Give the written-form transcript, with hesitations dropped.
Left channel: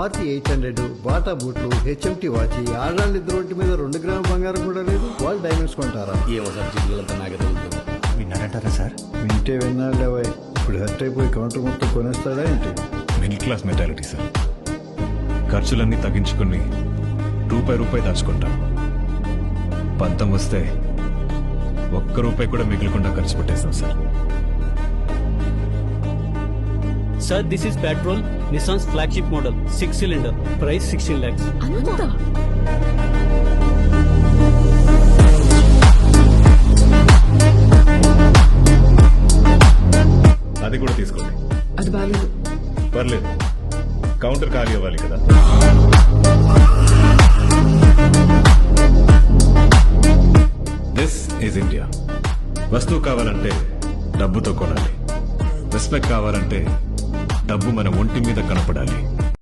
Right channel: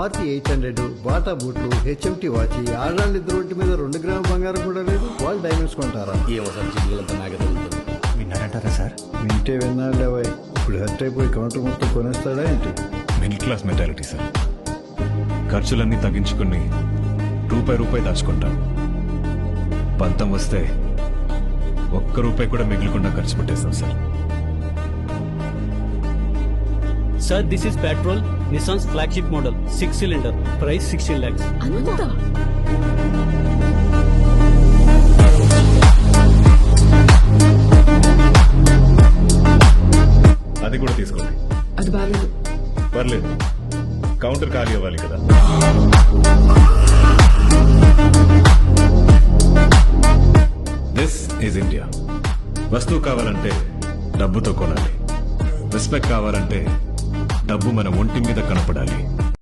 Maruti 800, Bata బూట్లు, HMT watch, ఆడవాళ్ళు ఇద్దరు ఒంటి మీద 2 గ్రాముల బంగారం కూడా లేదు. వాళ్ళు డైమండ్స్ కొంటారా? ఏమో సార్, జిడ్డులంతా నాకే తగులుతుంది. విన్నారంటారా సార్? వింటే విన్నాళ్ళేవా, ఇప్పుడు హర్ట్ అయిపోయి కౌంటర్ మొత్తం కొనేస్తాడా ఏంటి? Middle class mentality sir. ఖర్చులన్నీ తగ్గించుకుని రూపాయి దాచుకుంటాం. పంతం వస్తే ₹1 కూడా మిగిలకుండా ఖర్చు పెట్టేస్తాం sir. Sir, this is Petrol, Nissan's flagship model, 6-cylinder, price 16 lakhs. అంతా అది కూడా తీసుకోండి. అది బాగాలేదు. పర్లేదు, కౌంటర్ ఖాళీ అవ్వాలి కదా. This is India. వస్తువు కావాలంటే డబ్బుతో కొనాలి. రెస్పెక్ట్ కావాలంటే డబ్బు మన ఒంటి మీద కనపడాలి.